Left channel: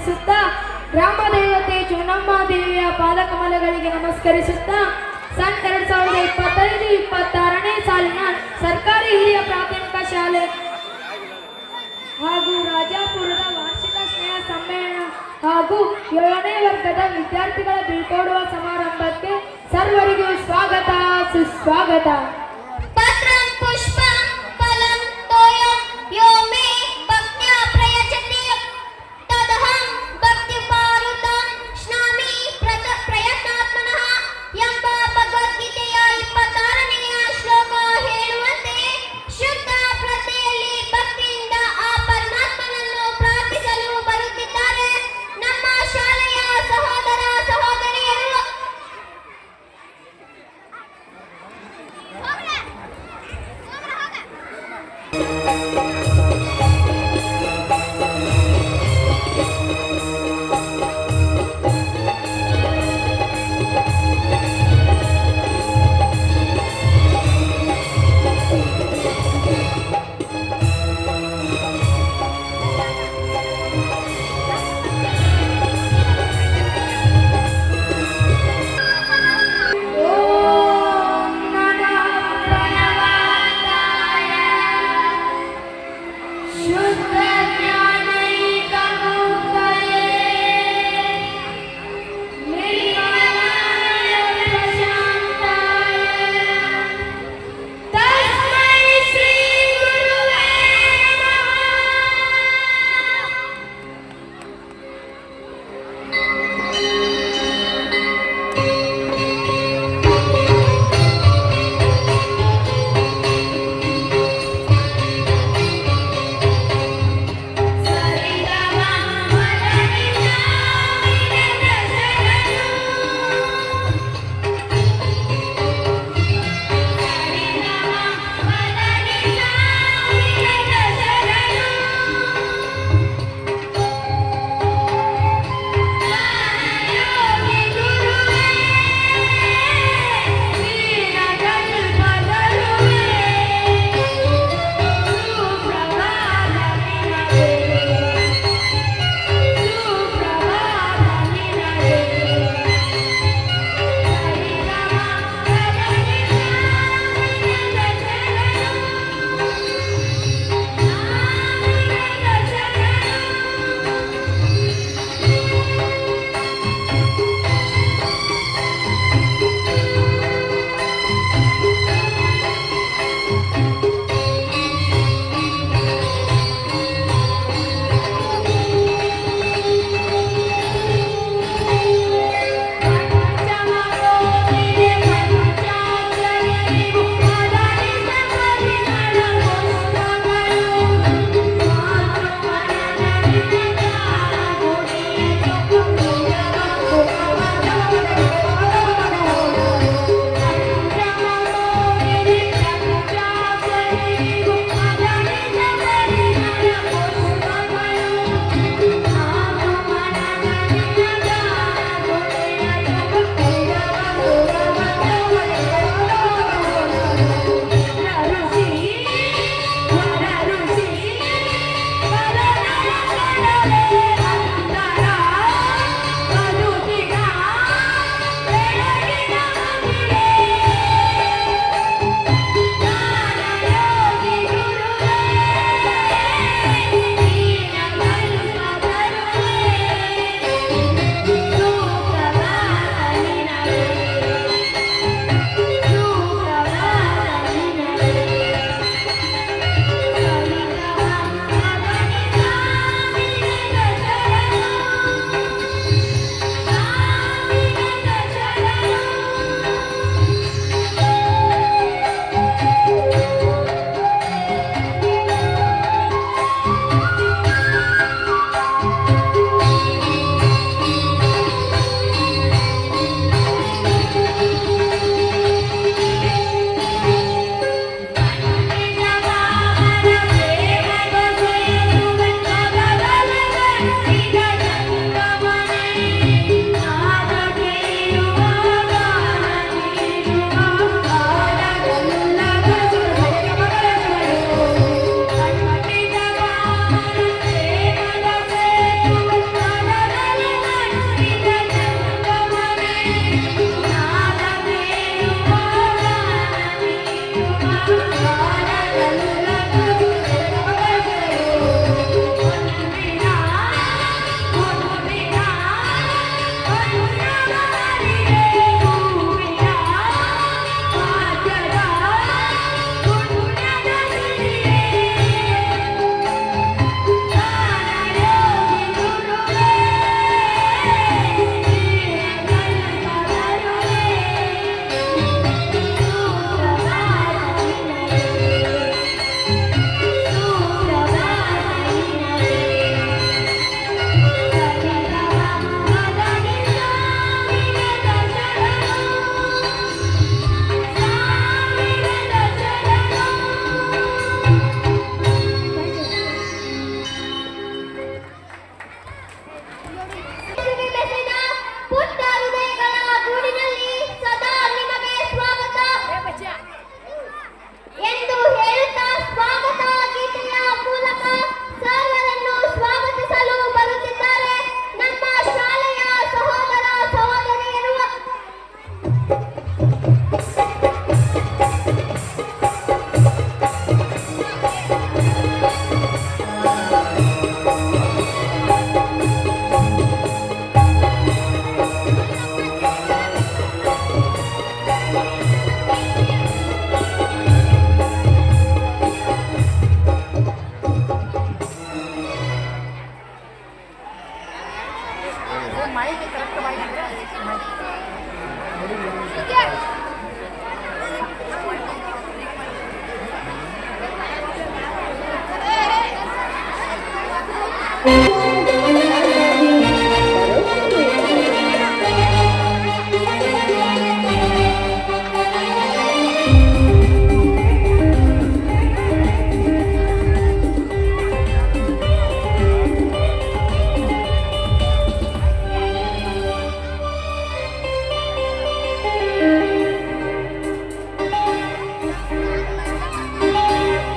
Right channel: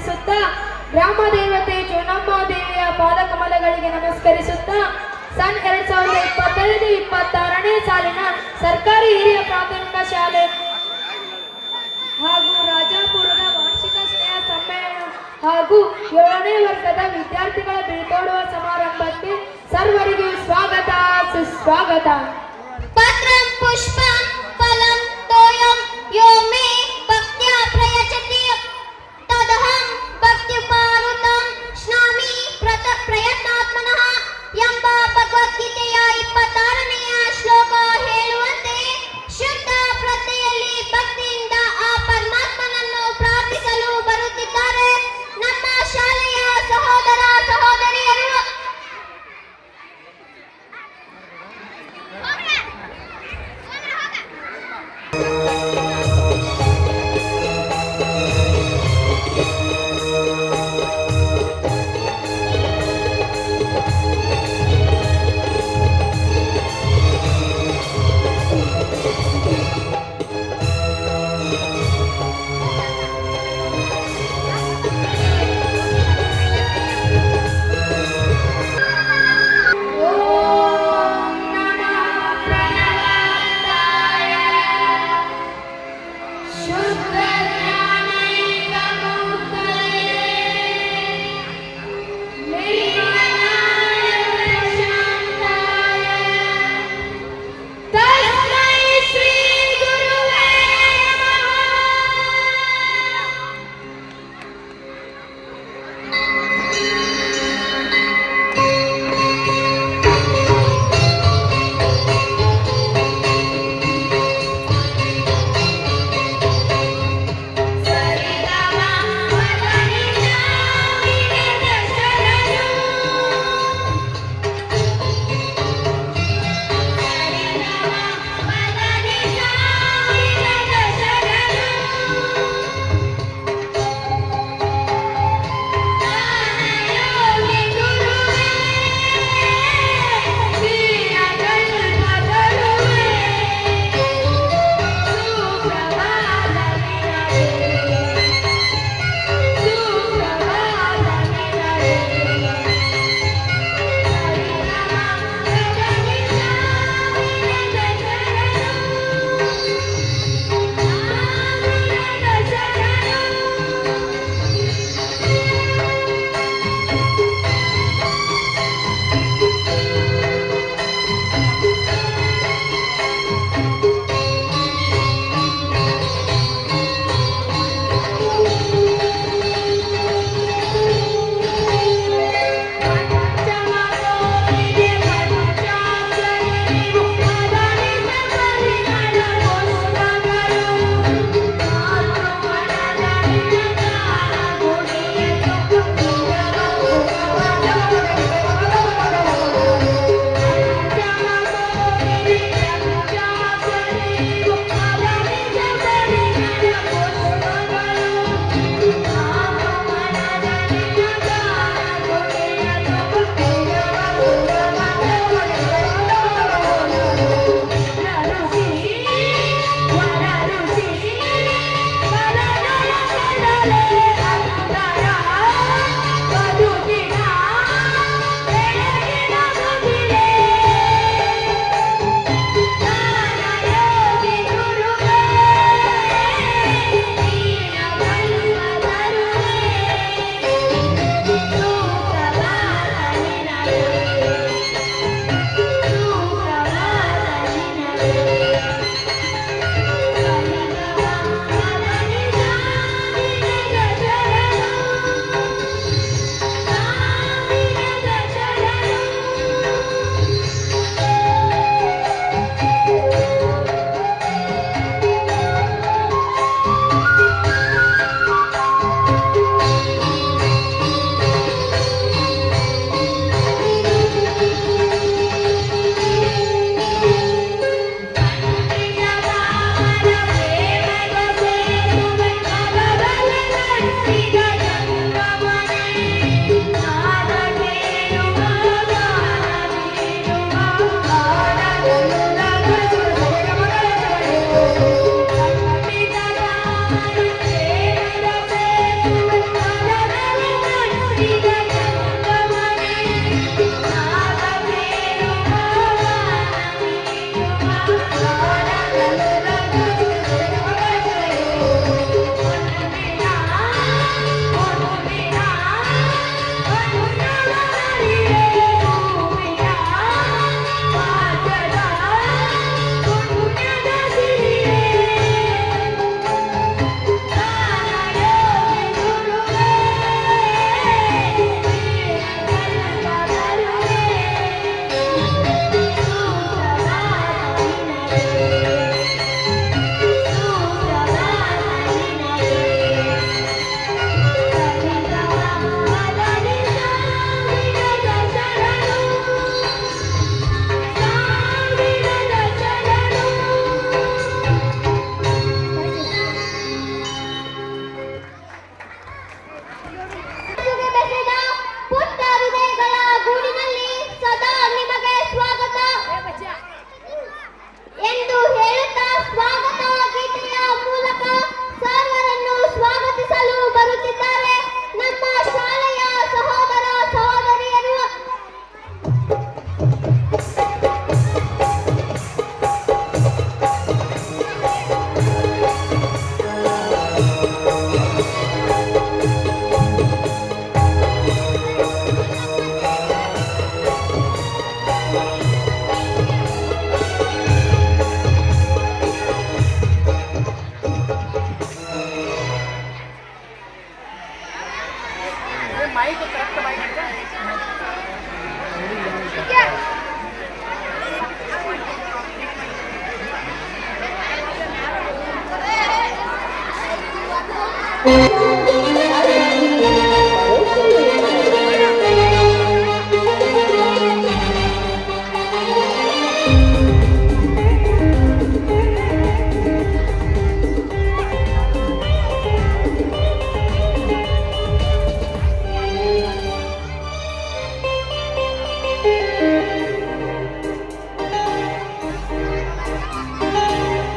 ಸಲ್ಲಿಸುತ್ತಾ ಗ್ರಾಮ ದೇವತೆ ಜೋನಮ್ಮ ದೇವಿಯ ಪಾದಕಮಲಗಳಿಗೆ ನಮಸ್ಕರಿಸುತ್ತಾ ಸನ್ 2025-26ನೇ ಸಾಲಿನ ಸರ್ಕಾರಿ ಹಿರಿಯ ಪ್ರಾಥಮಿಕ ಶಾಲೆ ಹಾಗೂ ರಾಜಾಪುರದ ವಾರ್ಷಿಕ ಸ್ನೇಹ ಸಮ್ಮೇಳನ ಹಾಗೂ 7ನೇ ವರ್ಗದ ವಿದ್ಯಾರ್ಥಿಗಳ ಬೀಳ್ಕೊಡುವ ಸಮಾರಂಭಕ್ಕೆ ಸರ್ವರಿಗೂ ಸ್ವಾಗತ ಸುಸ್ವಾಗತ.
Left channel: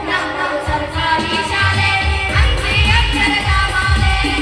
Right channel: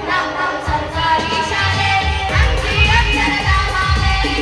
ನಮ್ಮ ಸಂಸಾರಿ ಶಾಲೆ ಅಂಗಿ ಅಕ್ಷರದ ಮಾಲೆ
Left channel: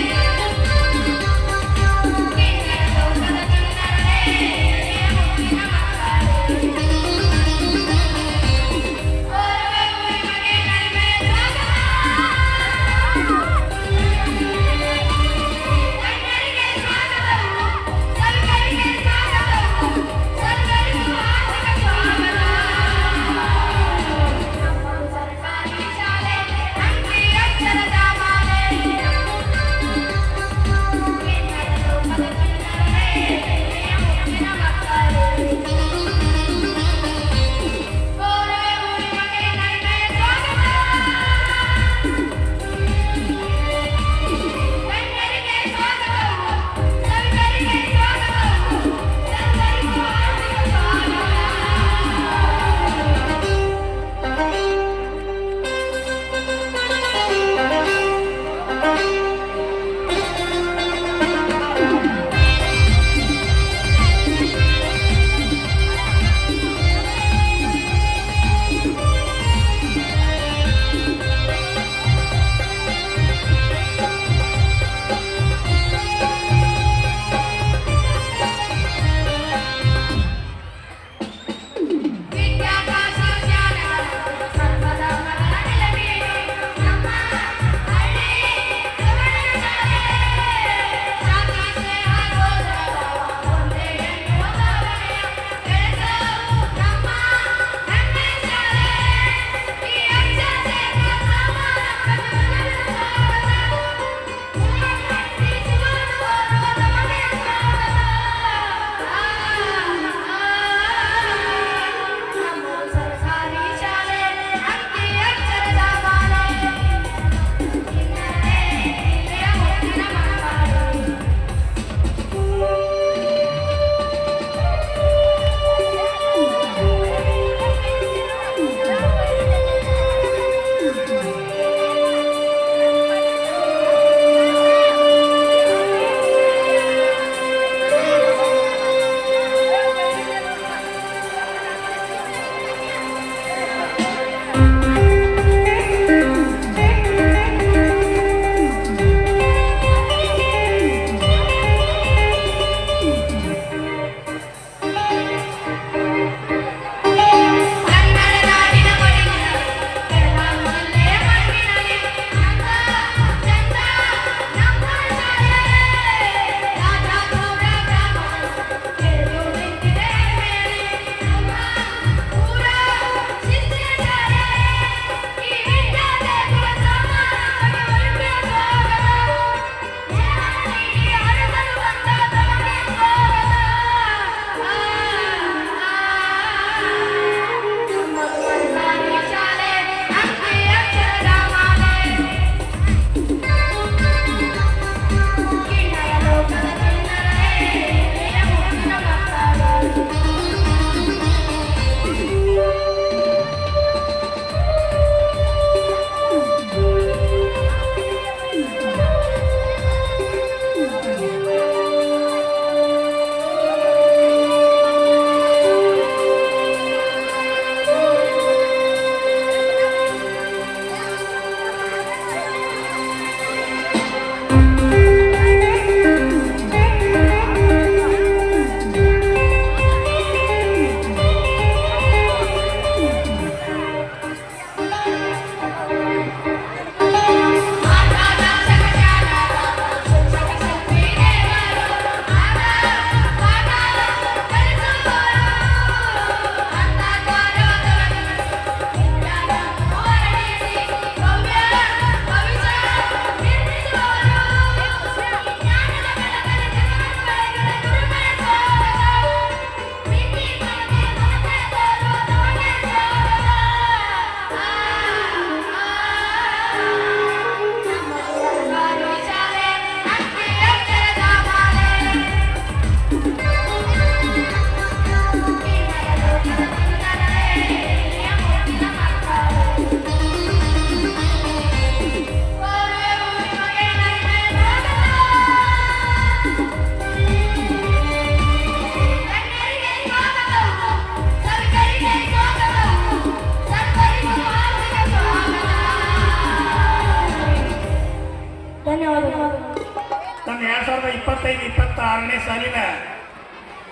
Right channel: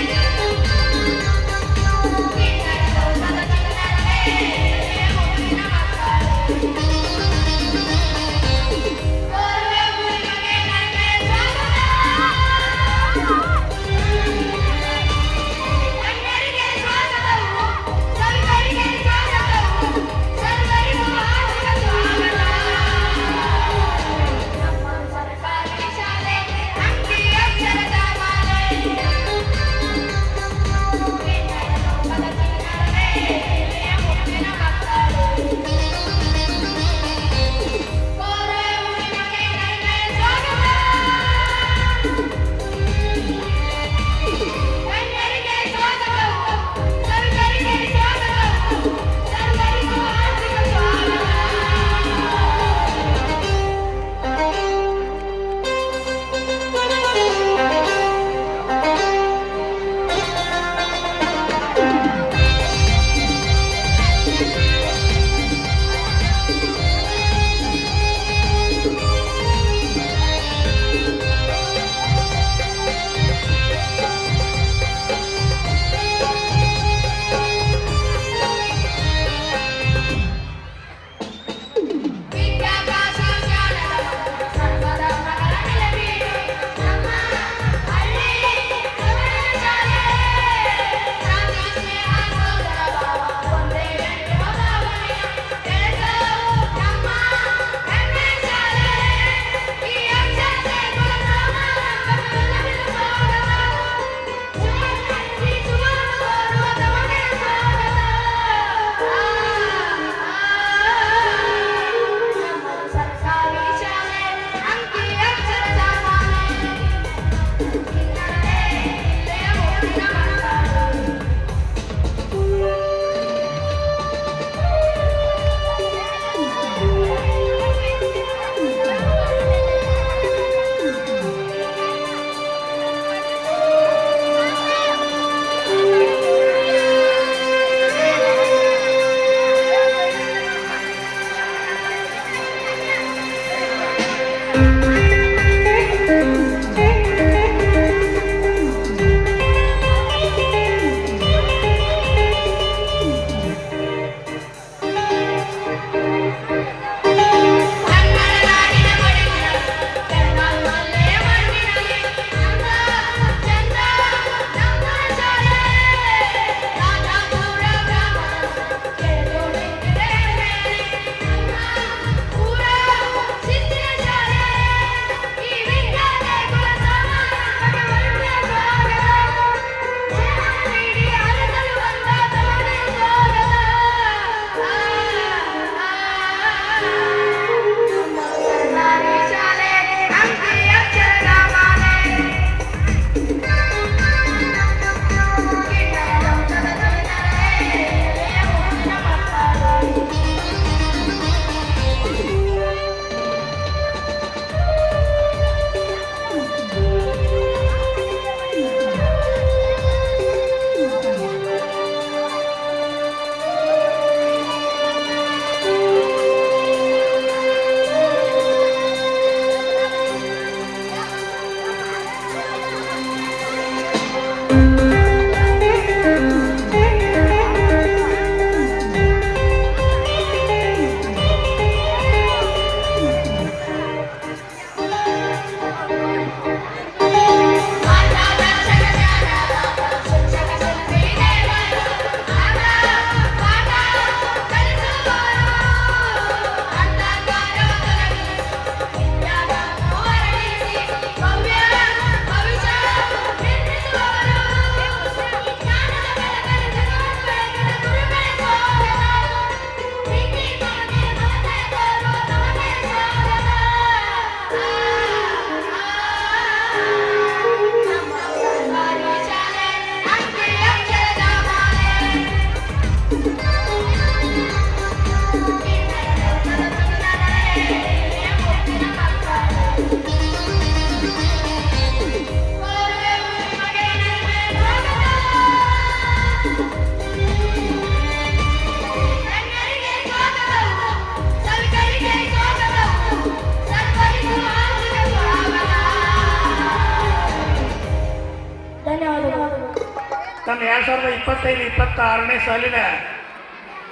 ಇದನ್ನು 2025-26ನೇ ಸಾಲಿನ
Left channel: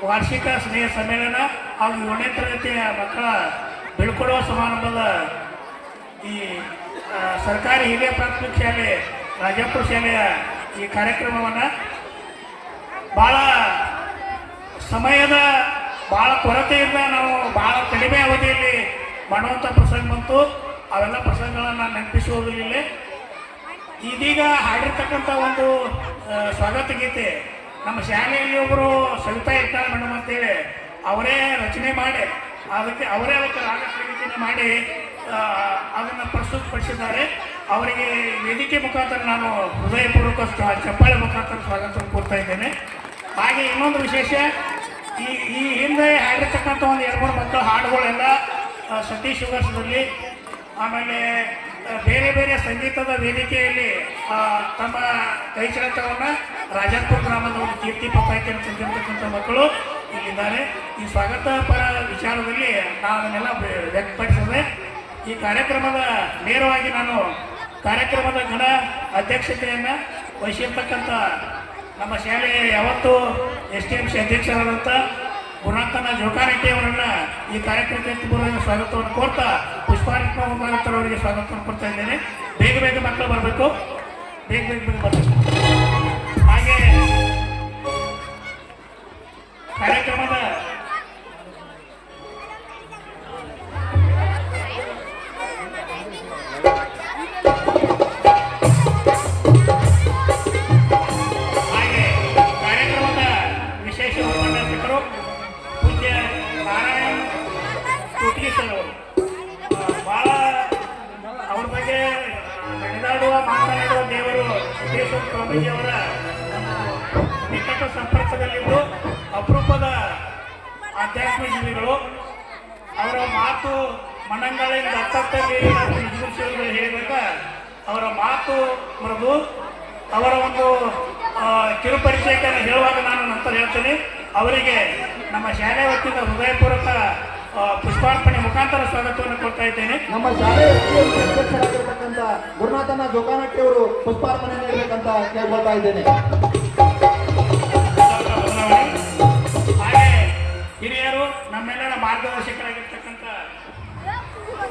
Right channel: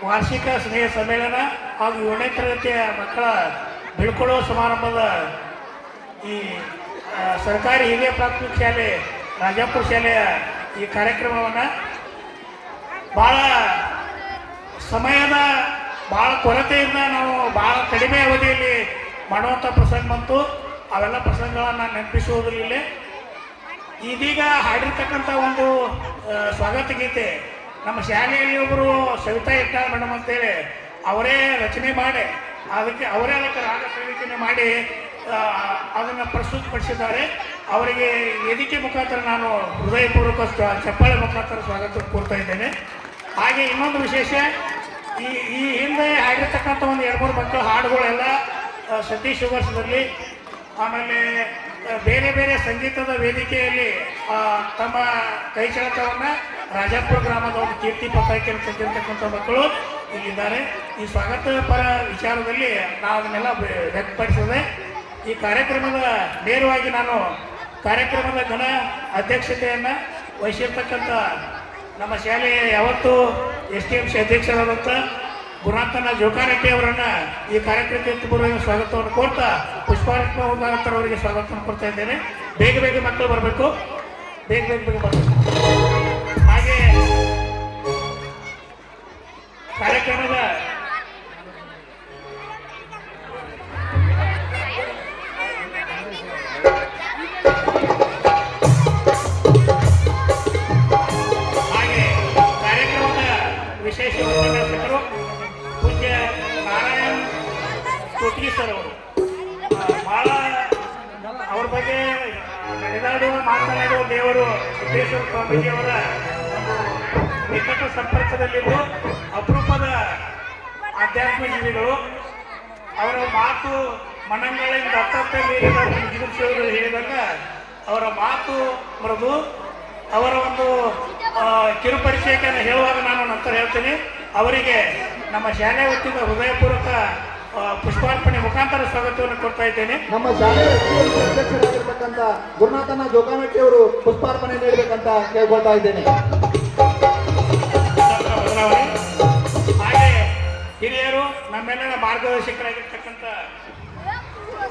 ವಾರ್ಷಿಕ ಸ್ನೇಹ ಸಮ್ಮೇಳನ ಹಾಗೂ 7ನೇ ತರಗತಿಯ ಮಕ್ಕಳ ಬೀಳ್ಕೊಡುವ ಸಮಾರಂಭದ ಈ ಸರ್ಕಾರಿ ಹಿರಿಯ ಪ್ರಾಥಮಿಕ ಶಾಲೆ ರಾಜಾಪುರ ಶಾಲೆಯ ಈ ಕಾರ್ಯಕ್ರಮವನ್ನು ಭಾಳ ಸಮಯದ ಭಾಳ ಕೊರತೆಯಿಂದ ನಾವು ಭಾಳ ಕಡಿಮೆ ಅವಧಿಯಲ್ಲಿ ಮಾಡುವಂಥ ಪ್ರಸಂಗ ಬಂತು. ಅವೆಲ್ಲ ಪ್ರಸಂಗಗಳನ್ನು ನೆನಪಿಸುವುದಿಲ್ಲ. ಇದೀಗ ಹಾಡಿರ್ತಕ್ಕಂಥ ಒಂದು ಸ್ವಾಗತ ಗೀತೆ ನಮ್ಮ ಶಾಲೆಯಲ್ಲಿ ಒಬ್ಬರು ಸವಿತಾ ಇಟ್ಟಾಳ ಮೇಡಮ್ ಅಂತೇಳಿ ಅವರೇ ರಚನೆ ಮಾಡಿ ಅದಕ್ಕೆ ರಾಗ ಸಂಗೀತನೆ ಮಾಡಿ ಅದನ್ನು ಪ್ರಸ್ತುತಪಡಿಸಿದ್ದಾರೆ. ಅವರಿಗೆ ವೇದಿಕೆ ಮುಖಾಂತರ ನಾನು ಹೃದಯಪೂರ್ವಕ ಚಪ್ಪಾಳೆ ಮುಖಾಂತರ ಸ್ವಾಗತ ಕೋರ್ತಾ ಇದ್ದೇನೆ. ಹಾಗೆ ಇನ್ನೊಂದು ವಿಶೇಷ, ಈ ಹಿಂದೆ ಹಾಡಿರ್ತಕ್ಕಂಥ ಒಂದು 2-3 ಮಕ್ಕಳು ಹಾಡುಗಳೆಲ್ಲ ಸತೀಶ್ ಶುಗರ್ಸ್ನಲ್ಲಿ ಆಮೇಲೆ ಬೇರೆ ಬೇರೆ ಸಂಗೀತದ ವೇದಿಕೆಯಲ್ಲಿ ತಮ್ಮ ಕೈಚಳಕವನ್ನು ರಾಜಾಪುರ ಗ್ರಾಮದ ಒಂದು ಕೀರ್ತಿ ಪತ್ರಕೆಯನ್ನು ತಂದಿರತಕ್ಕಂಥ ಮಕ್ಕಳು ಇಲ್ಲಿದ್ದಾರೆ. ಈ ಸ್ವಾಗತ ಪರ ವಿಚಾರದಲ್ಲಿ ನಾವನ್ನೆಲ್ಲ ವ್ಯಕ್ತಪಡಿಸಿದೆ. ಈ ಕಾರ್ಯಕ್ರಮದ ನೇರವಾಗಿ ನಾನು ಕಾರ್ಯಕ್ರಮದ ಘನ ಅಧ್ಯಕ್ಷತೆಯನ್ನು ವಹಿಸಿರ್ತಕ್ಕಂಥ ನಮ್ಮ ಶಾಲೆಯ ಯಾವತ್ತೂ STMC ಅಧ್ಯಕ್ಷರಾದಂಥ ಗುಣಾಂತನ ಜೋಕಾರೆಡ್ಡಿ ಅವರನ್ನು ಈ ಕಾರ್ಯಕ್ರಮಕ್ಕೆ ಪೂರ್ವವಾಗಿ ಸ್ವಾಗತವನ್ನು ಕೋರ್ತಾ ಪುಷ್ಪಾರ್ಪಣೆ ಮುಖಾಂತರ ಅವರಿಗೆ ಸ್ವಾಗತವನ್ನು ಕೊಡ್ತಾ ಇದ್ದೇನೆ. ಬೇಗ ಮಕ್ಕಳು ಬರಬೇಕು, ಬೇಗ ಬರಬೇಕು. ಹಾಗೆ ಕಾರ್ಯಕ್ರಮದ ವಿಶೇಷ ಉಪನ್ಯಾಸಕರು ಪೂಜ್ಯ ನಾರಾಯಣ ಕೋಟಿಗೆ ಸರ್ ಅವರು ಭಾಳ ಅವ್ರ ಬಗ್ಗೆ ಮಾತನಾಡುವ ದೇವರು ಸಿದ್ದೇಶ್ವರ ಸ್ವಾಮೀಜಿಯವರ ನಿಕಟ ಸಂಪರ್ಕದಲ್ಲಿದ್ದು ಅಪರೂಪದ ಆಧ್ಯಾತ್ಮ ಜೀವಿಗಳು. ಅವರ ಮಾತು ಮಣ್ಣಂಗಾಳಿಂದ ಅತ್ತಲ್ಲಿ ಹೇಳಿದಾಗ ಅವರ ಮಾತು ಮೃದು. ಅವರ ಒಂದು ಕಿರುಪರಿಚಯಕ್ಕೆ ಹೇಳುವಾಗ ನಾನು ನಂತರ ಹೇಳ್ತೀನಿ. ಅವರಿಗೆ ನಮ್ಮ ಶಾಲೆ ವತಿಯಿಂದ ಹೃದಯಪೂರ್ವಕ ಪುಷ್ಪಾರ್ಪಣೆ ಮುಖಾಂತರ ಸ್ವಾಗತವನ್ನು ಕೊಡ್ತಾ ಇದ್ದೇನೆ. ನಮ್ಮ ಶಾಲೆ ಅಧ್ಯಕ್ಷರಾಗಿರ್ತಕ್ಕಂಥ ಗುರುನಾಥನ ಜೋಕಾನಟ್ಟಿ ಅವರು ಪುಷ್ಪಾರ್ಪಣೆ ನೀಡಬೇಕಂತ ಕೇಳ್ಕೊಳ್ತಾ ಇದ್ದೇನೆ. ಹಾಗೆ ಹಿರಿಯರು ನಮ್ಮೆಲ್ಲರ ಮಾರ್ಗದರ್ಶಕರಾಗಿರ್ತಕ್ಕಂಥ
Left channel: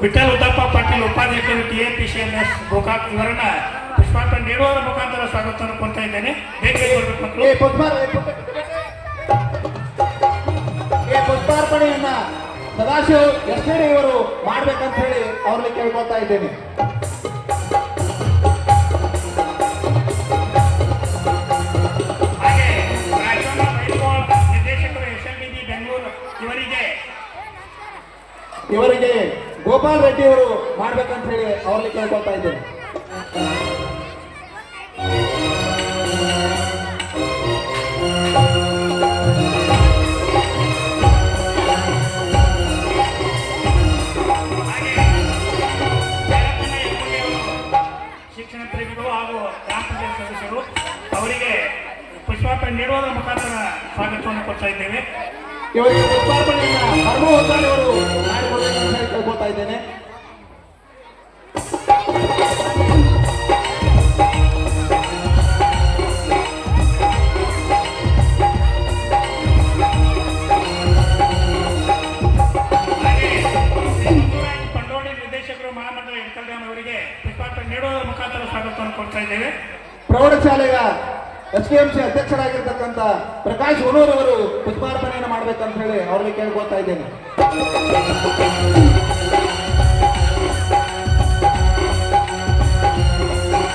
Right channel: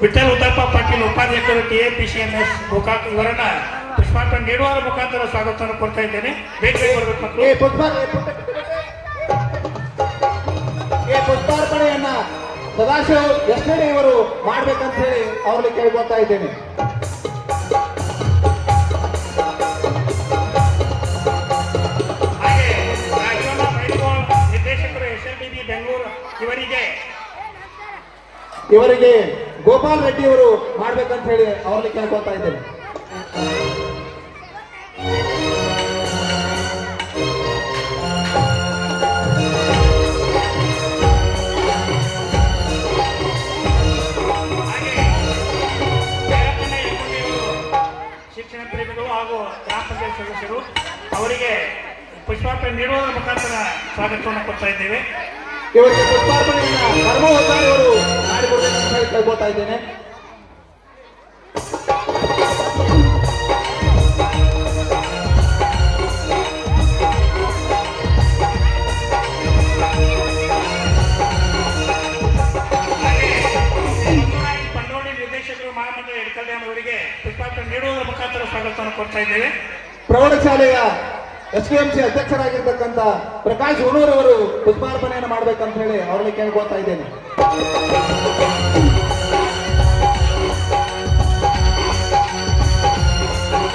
ವಿಠಲ್ ಉತ್ತಪ್ಪ ಪಾಟೀಲ್ ಉಪಾಧ್ಯಕ್ಷರು TAPCMS ಗೋಕಾಕ್ ಇವರನ್ನ ಪುಷ್ಪಾರ್ಪಣೆ ನೀಡುವವರ ಮುಖಾಂತರ ಸ್ವಾಗತವನ್ನು ಕೊಡ್ತಾ ಇದ್ದೇನೆ. ಬೇಗ ಪುಷ್ಪಾರ್ಪಣೆಯನ್ನ ಸದಾಶಿವ ಎಸ್ಟಡಿ ಇವರು ಮಾಡ್ಬೇಕಂತ ಹೇಳಿ ಅವ್ರಿಗೆ ಕೇಳ್ಕೊಳ್ತಾ ಇದ್ದೇನೆ. ಹಾಗೆ ನಿರ್ದೇಶಕರು SLBB ಬೆಂಗಳೂರು ಇವರಿಗೆ ಗೋಪಾಲ್ ರೆಡ್ಡಿ ಅವರು ಮಾಡ್ಬೇಕಂತ ಹೇಳಿ ಅವ್ರಿಗೆ ಕೇಳ್ಕೊಳ್ತಾ ಇದ್ದೇನೆ. ಶಿಕ್ಷಣ ಪ್ರೇಮಿಗಳು ಹಾಗೂ ಗ್ರಾಮ ಪಂಚಾಯತ್ ಸದಸ್ಯರು ಅವರಿಗೆ ಪುಷ್ಪಾರ್ಪಣೆ ನೀಡುವುದರ ಮುಖಾಂತರ ಸ್ವಾಗತವನ್ನು ಕೊಡ್ತಾ ಇದ್ದೇವೆ. ಇವರಿಗೆ ಪುಷ್ಪಾರ್ಪಣೆಯನ್ನ ಅವರು ಮಾಡಿಕೊಡಬೇಕಂತ ಹೇಳಿ ಕೇಳ್ಕೊಳ್ತಾ ಇದ್ದೇನೆ. ಪಂಡೋಡಿ ನಿರ್ದೇಶಕರು ಮಹಾಮಂಡಲ ಇಡ್ಕಲ್ಯಾಣ ಅವರಿಗೆ ಪುಷ್ಪಾರ್ಪಣೆ ನೀಡುವುದರ ಮುಖಾಂತರ ಸ್ವಾಗತವನ್ನು ಕೊಡ್ತಾ ಇದ್ದೇವೆ. ಪ್ರೌಢಶಾಲೆಯ STMC ಅಧ್ಯಕ್ಷರಾಗಿರ್ತಕ್ಕಂಥ ಪ್ರಕಾಶ್ ಹುನೂರ್ ಅವರು ಪುಷ್ಪಾರ್ಪಣೆಯನ್ನು ಮಾಡ್ಬೇಕಂತ ಹೇಳಿ ಅವ್ರಿಗೆ ಕೇಳ್ಕೊಳ್ತಾ ಇದ್ದೇನೆ.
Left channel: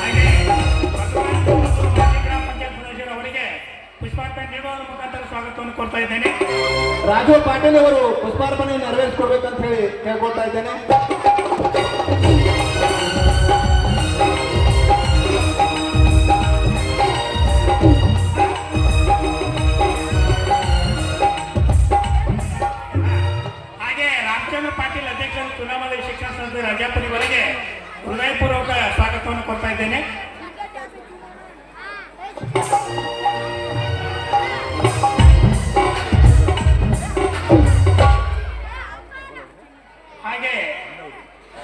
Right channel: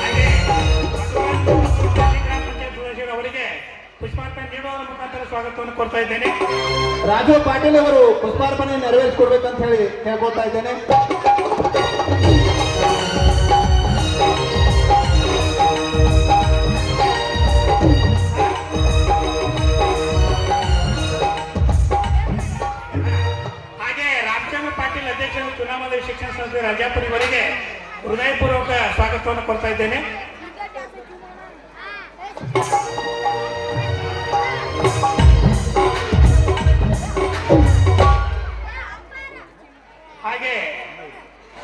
ಹಾಗೆ ಗ್ರಾಮ ಪಂಚಾಯತ್ ಸದಸ್ಯರು ಅವರಿಗೆ ಪುಷ್ಪಾರ್ಪಣೆ ನೀಡುವುದರ ಮುಖಾಂತರ ಸ್ವಾಗತವನ್ನು ಕೊಡ್ತಾ ಇದ್ದೇನೆ. ರಾಜು ಪಾಟೀಲ್ ಅವರು ಪುಷ್ಪಾರ್ಪಣೆ ನೆರವೇರಿಸಿಕೊಡ್ಬೇಕಂತ ಹೇಳಿ ಕೇಳ್ಕೊಳ್ತಾ ಇದ್ದೇನೆ. ಹಾಗೆ ರಾಮಚಂದ್ರ ಪಾಟೀಲ್ ಅಧ್ಯಕ್ಷರು ಚುನಾವಣಾ ಶಿಕ್ಷಣ ಸಂಸ್ಥೆ ರಾಜಾಪುರ ಇವರಿಗೆ ಹೃದಯಪೂರ್ವಕ ಸ್ವಾಗತವನ್ನು ಕೊಡ್ತಾ ಇದ್ದೇನೆ. ಹಾಗೆ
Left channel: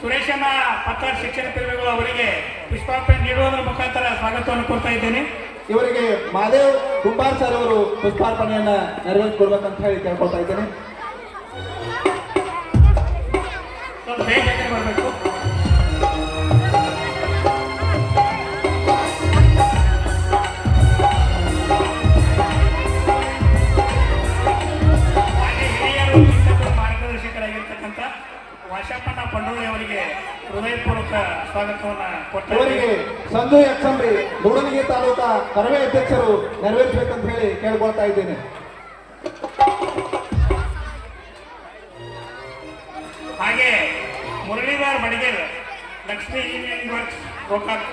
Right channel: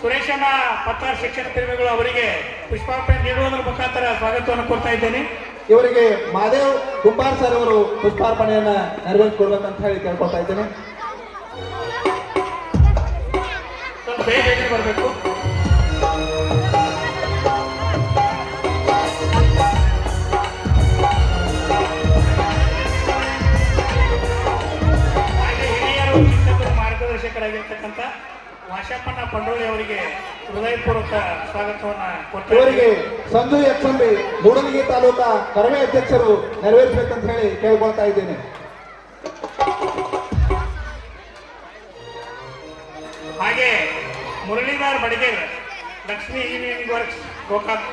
ಸುರೇಶಣ್ಣ ಪತ್ತಾರ್ ಶಿಕ್ಷಣ ಪ್ರೇಮಿಗಳು ಅವರಿಗೆ ಪುಷ್ಪಾರ್ಪಣೆ ನೀಡುವುದರ ಮುಖಾಂತರ ಸ್ವಾಗತವನ್ನು ಕೊಡ್ತಾ ಇದ್ದೇನೆ. ಇವರಿಗೆ ಮಹಾದೇವ್ ಕುಂಬಾರ್ ಸರ್ ಅವರು ಪುಷ್ಪಾರ್ಪಣೆಯನ್ನ ನೆರವೇರಿಸ್ಕೊಡ್ಬೇಕಂತ ಹೇಳಿ ಕೇಳ್ಕೊತಾ ಇದ್ದೇನೆ. ಸ್ವಲ್ಪ ಬೇಗ ಬೇಗ ಬರಬೇಕು. ಹಾಗೆ ಹಿರಿಯರು ಶಿಕ್ಷಕರು ಮಾರ್ಗದರ್ಶಕರಾಗಿರ್ತಕ್ಕಂಥ ವಾಶಪ್ಪಣ್ಣ ಪಂಡೋಳಿ ಅವರಿಗೆ ಹೃದಯಪೂರ್ವಕ ಸ್ವಾಗತವನ್ನು ಕೊಡ್ತಾರೆ. ಇವರಿಗೆ ಸಂಜು ಎಕ್ಸಂಬಿ ಮೂಡಲಗಿ ತಾಲೂಕಾ ಕರವೇ ಅಧ್ಯಕ್ಷರು ನೆರವೇರಿಸಬೇಕಂತ ಹೇಳಿ ಕೇಳ್ಕೊಳ್ತಾ ಇದ್ದೇನೆ. ಹಾಗೆ ಮುರಳೀಧರ್ ಬಡಗೇರ್ ಲಕ್ಷ್ಮೀ ಇಂಜಿನಿಯರಿಂಗ್ ವರ್ಕ್ಸ್ ಗೋಕಾಕ್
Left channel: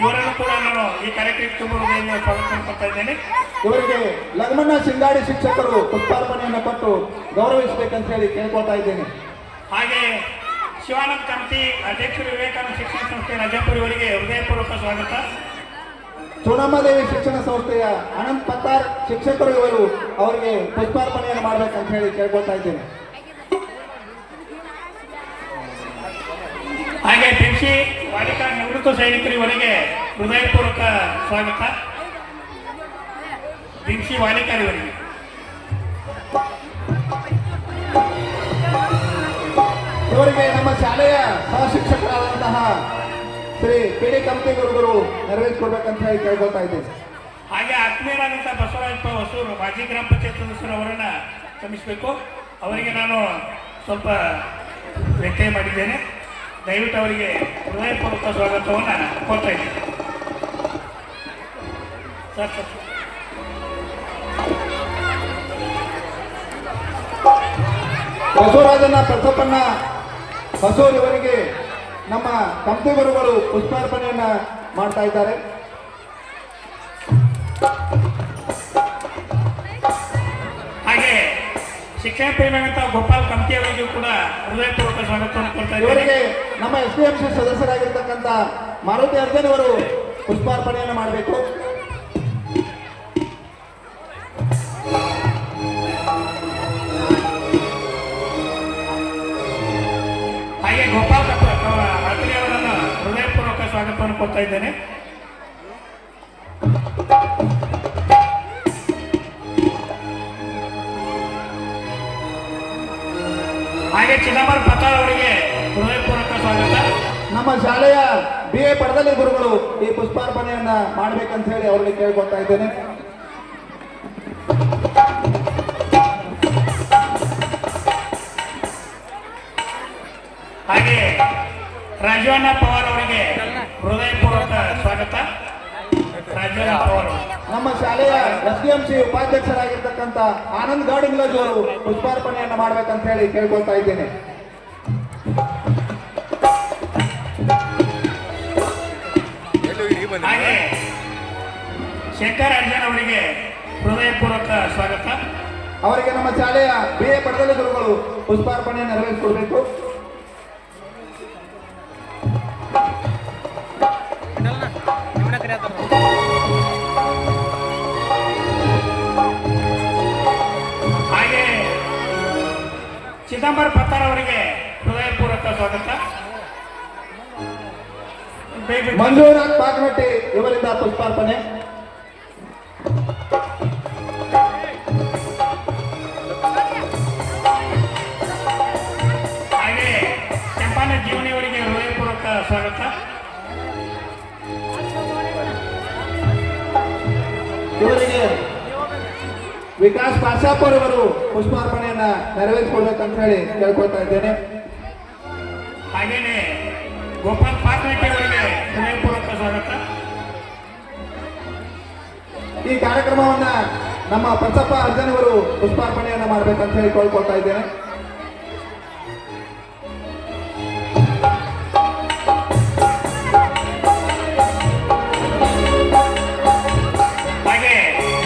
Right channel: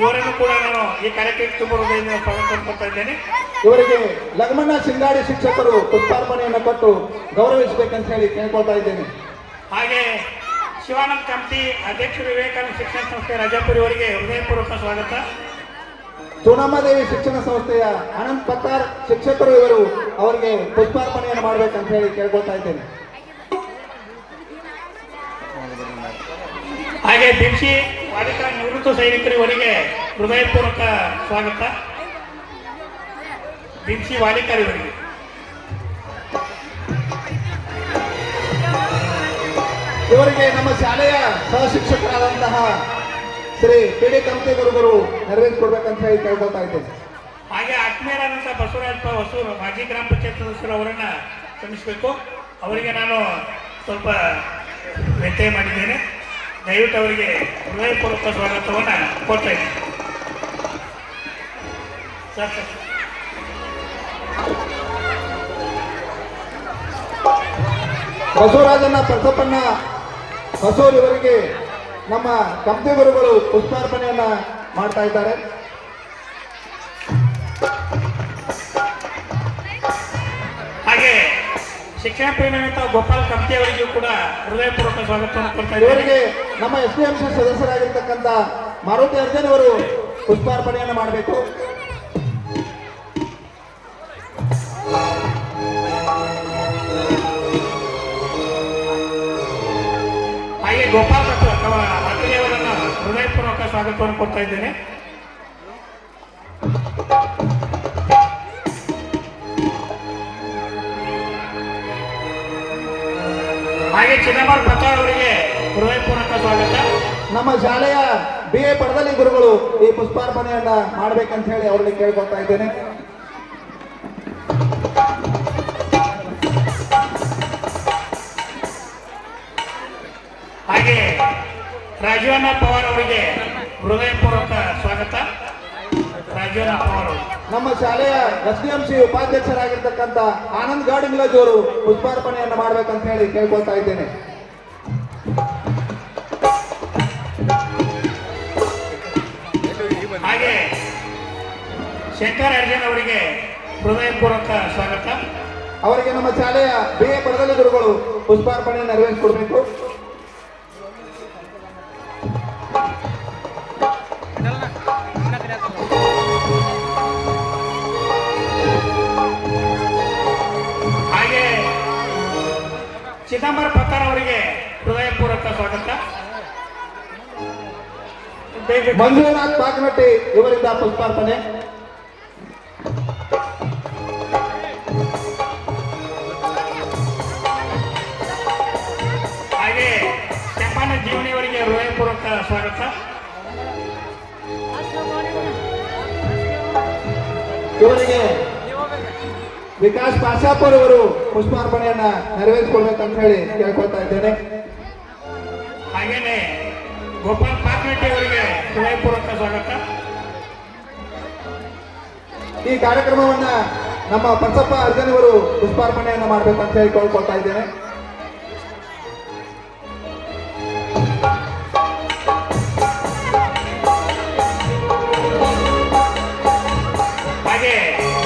ಇವರನ್ನು ಕೂಡ ನಾನು ಈ ಕಾರ್ಯಕ್ರಮಕ್ಕೆ ತುಂಬ ಹೃದಯದಿಂದ ಸ್ವಾಗತ ಕೊಡ್ತಾ ಇದ್ದೇನೆ. ಇವರಿಗೆ ಲಗ್ಮಣ್ಣ ಸಿಂಗಾಡಿ ಶಿಕ್ಷಕರು ಪುಷ್ಪಾರ್ಪಣೆಯನ್ನು ಕೊಟ್ಟು ಗೌರವಿಸಬೇಕಂತ ಹೇಳಿ ಕೇಳ್ಕೊಳ್ತಾ ಇದ್ದೇನೆ. ಹಾಗೆ ಶಿವಾನಂದ ಕಂತಿ ಅಧ್ಯಕ್ಷರು ವಿವೇಕಾನಂದ ಶಿಕ್ಷಣ ಸಂಸ್ಥೆ ರಾಜಾಪುರ ಇವರಿಗೆ ಹೃದಯಪೂರ್ವಕ ಸ್ವಾಗತ. ಚೂಡಮ್ಮದೇವಿ ಶಿಕ್ಷಣ ಸಂಸ್ಥೆಯ ಅನಂತ್ ಪತ್ತಾರ್ ಶಿಕ್ಷಕರು ಇವರು ಅವರಿಗೆ ಪುಷ್ಪಾರ್ಪಣೆಯನ್ನು ಮಾಡಬೇಕಂತ ಹೇಳಿ ಕೇಳ್ಕೊಳ್ತಾ ಇದ್ದೇನೆ. ಹಾಗೆ ಬಿಂಸಿ ಬಾಲಿಕಾ ನಿವೃತ್ತ ಸೈನಿಕರು ಇವರಿಗೆ ಹೃದಯಪೂರ್ವಕ ಸ್ವಾಗತ. ಬಿಂಸಿ ಬಾಲಿಕರು ಇವರಿಗೆ ಇವರಿಗೆ ನಮ್ಮ ಶಾಲೆಯ ಸಹಶಿಕ್ಷಕರಾದಂತಹ ಶ್ರೀ ಕೆ.ಡಿ. ಕಂತಿ ಗುರುಗಳು ನೆರವೇರಿಸಿಕೊಡ್ಬೇಕಂತ ಹೇಳಿ ಕೇಳ್ಕೊಳ್ತಾ ಇದ್ದೇನೆ. ಹಾಗೆ ಆತ್ಮೀಯರಾದಂತಹ ಬಸವರಾಜಪ್ಪ ಹೊಸೂರು ಮಾಜಿ ಗ್ರಾಮ ಪಂಚಾಯತ್ ಸದಸ್ಯರು ಅವರನ್ನ ಕ್ಷಮಿಸಬೇಕು. ಅವರಿಗೆ ನಾನು ಸ್ವಲ್ಪ ವ್ಯತ್ಯಯ ಮಾಡಿದ್ದೇನೆ. ದಯವಿಟ್ಟು ಅವರಿಗೆ ಹೃದಯಪೂರ್ವಕ ಸ್ವಾಗತವನ್ನು ಕೊಡ್ತಾ ಇದ್ದೀನಿ. ಬಸವರಾಜನ ಪರಸಪ್ಪಣ್ಣ ಹೊಸೂರು ಇವರಿಗೆ ನಮ್ಮ ಕಂತಿ ಗುರುಗಳು ಪುಷ್ಪಾರ್ಪಣೆಯನ್ನ ಮಾಡ್ತಾ ಇದ್ದಾರೆ. ಹಾಗೆ ಶಿಕ್ಷಣ ಪ್ರೇಮಿಯಾದಂತಹ ಗೋಪಾಲ್ ಕಂತಿ ಅವರಿಗೂ ಕೂಡ ಹೃದಯಪೂರ್ವಕ ಸ್ವಾಗತವನ್ನು ಕೊಡ್ತಾ ಇದ್ದಾರೆ. ಇವರಿಗೆ ನಮ್ಮ SPMC ಸದಸ್ಯರಾಗಿರ್ತಕ್ಕಂಥ ಮಾರುತಿ ಅರ್ಜುನ್ ಅವರು ಪುಷ್ಪಾರ್ಪಣೆಯನ್ನು ಮಾಡಬೇಕು. ಹಾಗೆ ಗೋಪಾಲ್ ರಾತ್ರಿ ಅವರನ್ನು ಹೃದಯಪೂರ್ವಕ ಸ್ವಾಗತವನ್ನು ಕೊಡ್ತಾ ಇದ್ದೇನೆ. ಹಾಗೆ ಚಿದಂಬರ ಪತ್ತಾರ್ ಅವರಿಗೆ ಹೃದಯಪೂರ್ವಕ ಸ್ವಾಗತ. ನಮ್ಮ ಶಾಲೆಯ BA ಪಡದಲ್ಲಿ ಗುರುಗಳು ಈ ಪುಷ್ಪಾರ್ಪಣೆಯನ್ನ ಮಾಡಬೇಕಂತ ಹೇಳಿ ಅವರಿಗೆ ಕೇಳ್ಕೊಳ್ತಾ ಇದ್ದೇನೆ. ಹಾಗೆ ರಾಜೀವಣ್ಣ ಪವಾರ್ ಅವರಿಗೆ ಹೃದಯಪೂರ್ವಕ ಸ್ವಾಗತ. ರಾಜೀವಣ್ಣ ಪವಾರ್ ನಮ್ಮ ಶಾಲೆಯ SDMC ಉಪಾಧ್ಯಕ್ಷರಾಗಿರ್ತಕ್ಕಂಥ ಆನಂದ್ ಗೌಡ್ ಇಂಗ್ಲಜ್ ಅವರು ಪುಷ್ಪಾರ್ಪಣೆಯನ್ನು ಮಾಡಬೇಕಂತ ಹೇಳಿ ಕೇಳ್ಕೊಳ್ತಾ ಇದ್ದೇನೆ. ಹಾಗೆ ಶಂಕರ್ ಅರ್ಜುನ್ ಅವರಿಗೆ ಹೃದಯಪೂರ್ವಕ ಸ್ವಾಗತ. ಅವರಿಗೆ ನಮ್ಮ ಶಾಲೆಯ BA ಪಡದಲ್ಲಿ ಗುರುಗಳು ಪುಷ್ಪಾರ್ಪಣೆಯನ್ನು ನೆರವೇರಿಸಿಕೊಡ್ಬೇಕು. ಹಾಗೆ ಚಿದಂಬರ ಪತ್ತಾರ್ ಅವರಿಗೆ ಹೃದಯಪೂರ್ವಕ ಸ್ವಾಗತ. ಮಂಜುನಾಥ್ ಪಾಕನಟ್ಟಿ ಇವರಿಂದ ಪುಷ್ಪಾರ್ಪಣೆ. ಹಾಗೆ ಕೆಂಪಣ್ಣ ಜೀವನಿ ಅವರಿಗೆ ಹೃದಯಪೂರ್ವಕ ಸ್ವಾಗತ. ಇವರಿಗೆ ವಿಕಾಸ್ ಪಾಶಾಪರ್ ಅವರು ಪುಷ್ಪಾರ್ಪಣೆಯನ್ನ ನೆರವೇರಿಸಿಕೊಡ್ಬೇಕಂತ ಹೇಳಿ ಕೇಳ್ಕೊಳ್ತಾ ಇದ್ದೇನೆ. ಹಾಗೇನೆ ಗೋಪಾಲ್ ಪಾಕ್ನಟ್ಟಿ ಅವರಿಗೆ ಹೃದಯಪೂರ್ವಕ ಸ್ವಾಗತ. ಈ ಕಾರ್ಯಕ್ರಮವನ್ನ ನಮ್ಮ ಪರಸಪ್ಪ ಅರ್ಜುನ್ ಅವರು ಪುಷ್ಪಾರ್ಪಣೆಯನ್ನು ಮಾಡಬೇಕಂತ ಹೇಳಿ ಕೇಳ್ಕೊಳ್ತಾ ಇದ್ದೇನೆ. ಹಾಗೆ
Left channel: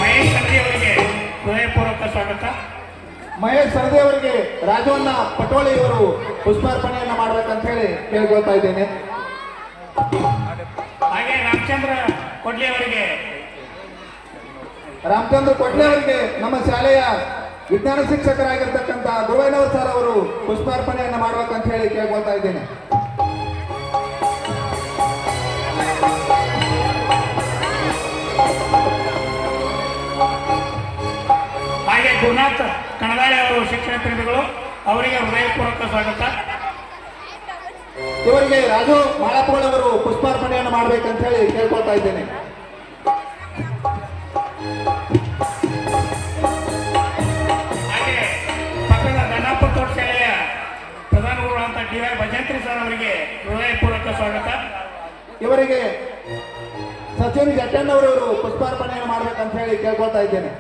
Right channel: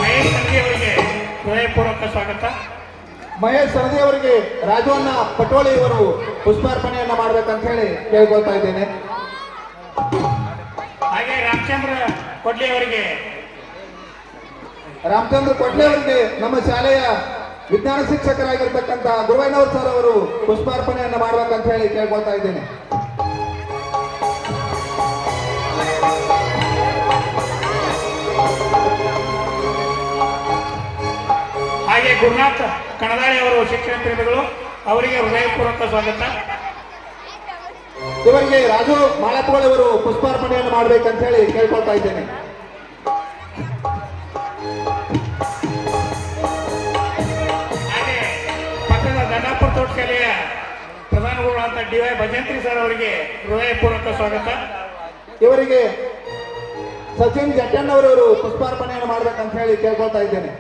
ಮಹೇಶ್ ಸಂಧಿ ಅವರಿಗೆ ಹೃದಯಪೂರ್ವಕ ಸ್ವಾಗತ. ಮಹೇಶ್ ಸರದಿ ಅವರಿಗೆ ರಾಜವನ್ನ ಪಟೋಳಿ ಅವರು ಪುಷ್ಪಾರ್ಪಣೆಯನ್ನು ಮಾಡಬೇಕಂತ ಹೇಳಿ ಕೇಳ್ಕೊಳ್ತಾ ಇದ್ದೇನೆ. ಹಾಗೆ ರಾಮಚಂದ್ರ ಕೊಡ್ಲಿ ಅವರಿಗೆ ರಾಮಚಂದ್ರ ಕೊಟ್ಲೆ ಅವರಿಗೆ ನಮ್ಮ ಶಾಲೆಯ ವಿಜ್ಞಾನ ಶಿಕ್ಷಕರಾಗಿರ್ತಕ್ಕಂಥ ಗುರುವೈನವ್ರ ಸರ್ ಅವರು ಪುಷ್ಪಾರ್ಪಣೆಯನ್ನು ಮಾಡಬೇಕಂತ ಹೇಳಿ ಕೇಳ್ಕೊಳ್ತಾ ಇದ್ದೇನೆ. ಗುರುನಾಥ್ ಕಣದಾಳಿ ಅವರು ಶಿಕ್ಷಣ ಪ್ರೇಮಿಗಳು, ಅವರಿಗೆ ಹೃದಯಪೂರ್ವಕ ಸ್ವಾಗತ. ಇವರಿಗೆ ರಾಜು ಮಾಳಪ್ಪಗಳು ಅವರು ಪುಷ್ಪಾರ್ಪಣೆಯನ್ನು ಮಾಡ್ಬೇಕಂತ ಹೇಳಿ ಕೇಳ್ಕೊಳ್ತಾ ಇದ್ದೇನೆ. ಹಾಗೆ ಪಕ್ಕದ ದನ್ನಾಪುರ ತೋಟಶಾಲೆಯ ಪ್ರಧಾನ ಗುರುಗಳಂತ ಡಿ.ವೈ. ಭಜಂತ್ರಿ ಸರ್ ಅವರಿಗೆ ಹೃದಯಪೂರ್ವಕ ಸ್ವಾಗತ. ಇವರಿಗೆ ಸಚಿನ್ ಜಟ್ಟಣ್ಣವರವರು ಪುಷ್ಪಾರ್ಪಣೆಯನ್ನು ಮಾಡ್ಬೇಕಂತ ಹೇಳಿ ಕೇಳ್ಕೊಳ್ತಾ ಇದ್ದೇನೆ.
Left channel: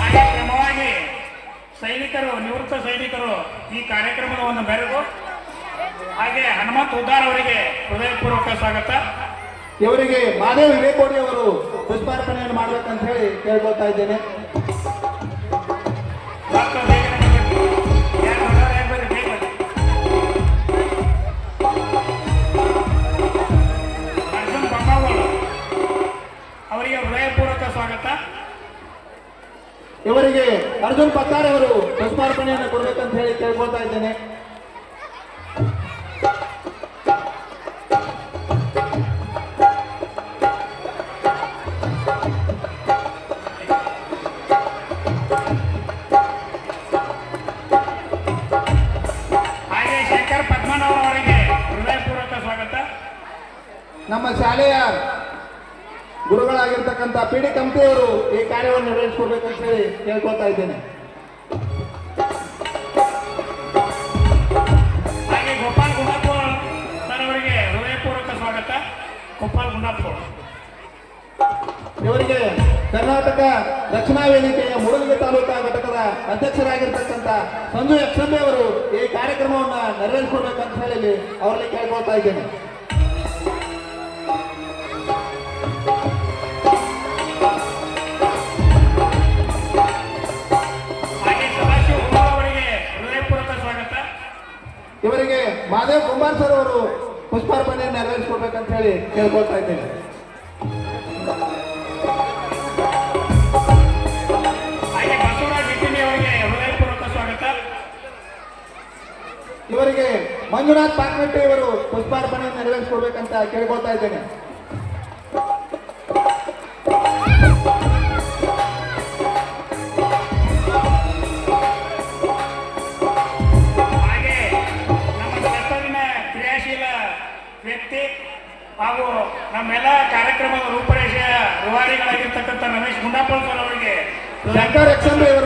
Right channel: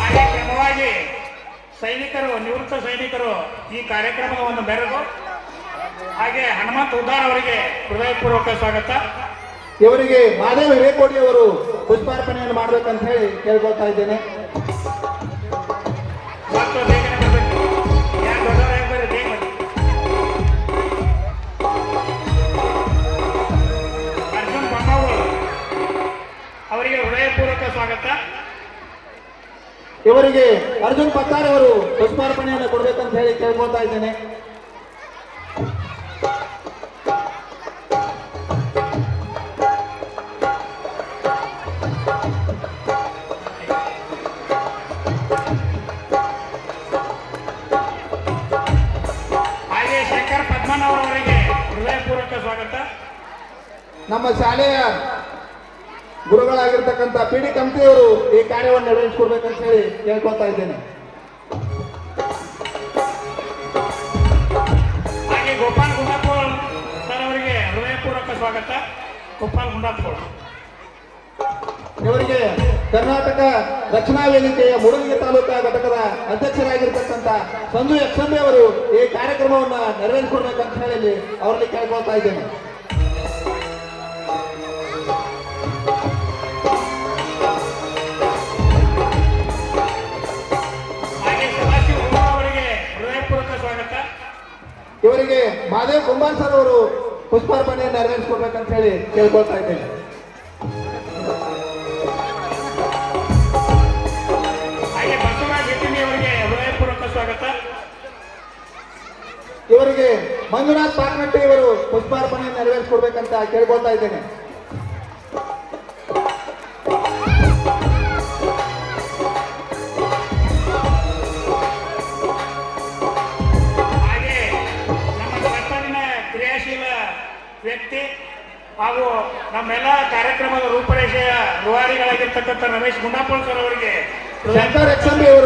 ಹಾಗೆ ಕ್ರಮವಾಗಿ ಸೈನಿಕರು, ನಿವೃತ್ತ ಸೈನಿಕರು ಈ ಕಾರ್ಯಕ್ರಮದ ಒಂದು ಬೆರೆದು ಹಾಗೆ ಹನುಮಂತ್ ಉದ್ದಾರ್ ಅವರಿಗೆ ಹೃದಯಪೂರ್ವಕ ಸ್ವಾಗತ. ಇವರಿಗೆ ಮಾದೇವ್ ಹಿರೇಕೋಡಿ ಅವರು ಪುಷ್ಪಾರ್ಪಣೆಯನ್ನು ಮಾಡ್ಬೇಕಂತ ಹೇಳಿ ಕೇಳ್ಕೊಳ್ತಾ ಇದ್ದೇನೆ. ಮತ್ತು ಬೇಗನೆ ಬರಬೇಕು, ಯಾರು ದೊಡ್ಡವರಾಗಬೇಡಿ, ಬೇಗ ಅರ್ಜುನ್ ಬೊಮ್ಮಾವರ್ ಅವರಿಗೆ ಹೃದಯಪೂರ್ವಕ ಸ್ವಾಗತ. ಇವರಿಗೆ ಅರ್ಜುನ್ ಪತ್ತಾರ್ ಅವರು ಪುಷ್ಪಾರ್ಪಣೆಯನ್ನು ಕೊಡ್ಬೇಕಂತ ಹೇಳಿ ಕೇಳ್ಕೊಳ್ತಾ ಇದ್ದೇನೆ. ಹಾಗೆ ಶೇಖರ್ ಪದ್ಮನಾಭ ಅವರಿಗೆ ಹೃದಯಪೂರ್ವಕ ಸ್ವಾಗತ. ನಮ್ಮ ಶಾಲೆಯ ಗುರುಗಳಾಗಿರ್ತಕ್ಕಂಥ ಪಿ.ಡಿ. ಕಮ್ತಿಯವರು ಈ ಕಾರ್ಯವನ್ನು ನೆರವೇರಿಸಿಕೊಡ್ಬೇಕಂತ ಹೇಳಿ ಕೇಳ್ಕೊಳ್ತಾ ಇದ್ದೇನೆ. ಹಾಗೆ ಗೋಪಾಲ್ ಗುಂಡಾಪುರ್ ಸರ್ ಅವರಿಗೆ ಹೃದಯಪೂರ್ವಕ ಸ್ವಾಗತ. ಗೋಪಾಲ್ ಗುಂಡಾಪುರ್ ಇವರಿಗೆ ಕರ್ನಾಟಕ ರಕ್ಷಣಾ ವೇದಿಕೆಯ ಮೂಡಲಗಿ ತಾಲೂಕಾ ಘಟಕದ ಅಧ್ಯಕ್ಷರಾಗಿರ್ತಕ್ಕಂಥ ಸಂಜು ಯಕ್ಷಂಬೆ ಅವರು ಈ ಕಾರ್ಯಕ್ರಮವನ್ನು ನೆರವೇರಿಸಿಕೊಡ್ಬೇಕಂತ ಹೇಳಿ ಅವರಲ್ಲಿ ಕೇಳ್ಕೊಳ್ತಾ ಇದ್ದೇನೆ. ಹಾಗೆ ಸದಾಶಿವ ಗುರುಗಳು ಅವರಿಗೆ ಹೃದಯಪೂರ್ವಕ ಸ್ವಾಗತ. ಇವರಿಗೆ ಮಾದೇವ್ ಕುಮಾರ್ ಸರ್ ಅವರು ಪುಷ್ಪಾರ್ಪಣೆಯನ್ನು ನೆರವೇರಿಸಿಕೊಡ್ಬೇಕಂತ ಹೇಳಿ ಕೇಳ್ಕೊಳ್ತಾ ಇದ್ದೇನೆ. ಹಾಗೆ ಬಸವರಾಜ್ ಹೆಟ್ಟಿನಿ ಅವರಿಗೆ ಹೃದಯಪೂರ್ವಕ ಸ್ವಾಗತ. ಇವರಿಗೆ ಮಂಜುನಾಥ್ ಪಾಕ್ನಟ್ಟಿ ಅವರು ಪುಷ್ಪಾರ್ಪಣೆಯನ್ನು ನೆರವೇರಿಸಿಕೊಡ್ಬೇಕಂತ ಕೇಳ್ಕೊಳ್ತಾ ಇದ್ದೇನೆ. ಹಾಗೆ ನಮ್ಮ ಸರ್ಕಾರಿನ ಕ್ರಿಯಾಶೀಲ ವ್ಯಕ್ತಿ ಹಾಗೂ ನಮ್ಮೆಲ್ಲ ಕಾರ್ಯಕ್ರಮದ ರೂಪರೇಷೆಯ ರೂವಾರಿಗಳಾಗಿರ್ತಕ್ಕಂಥ ರಮೇಶ್ ಗುಂಡಾಪುರ ಸರ್ ಅವರಿಗೆ ಶಂಕರ್ ಯಕ್ಷಂಬೆ ಅವರು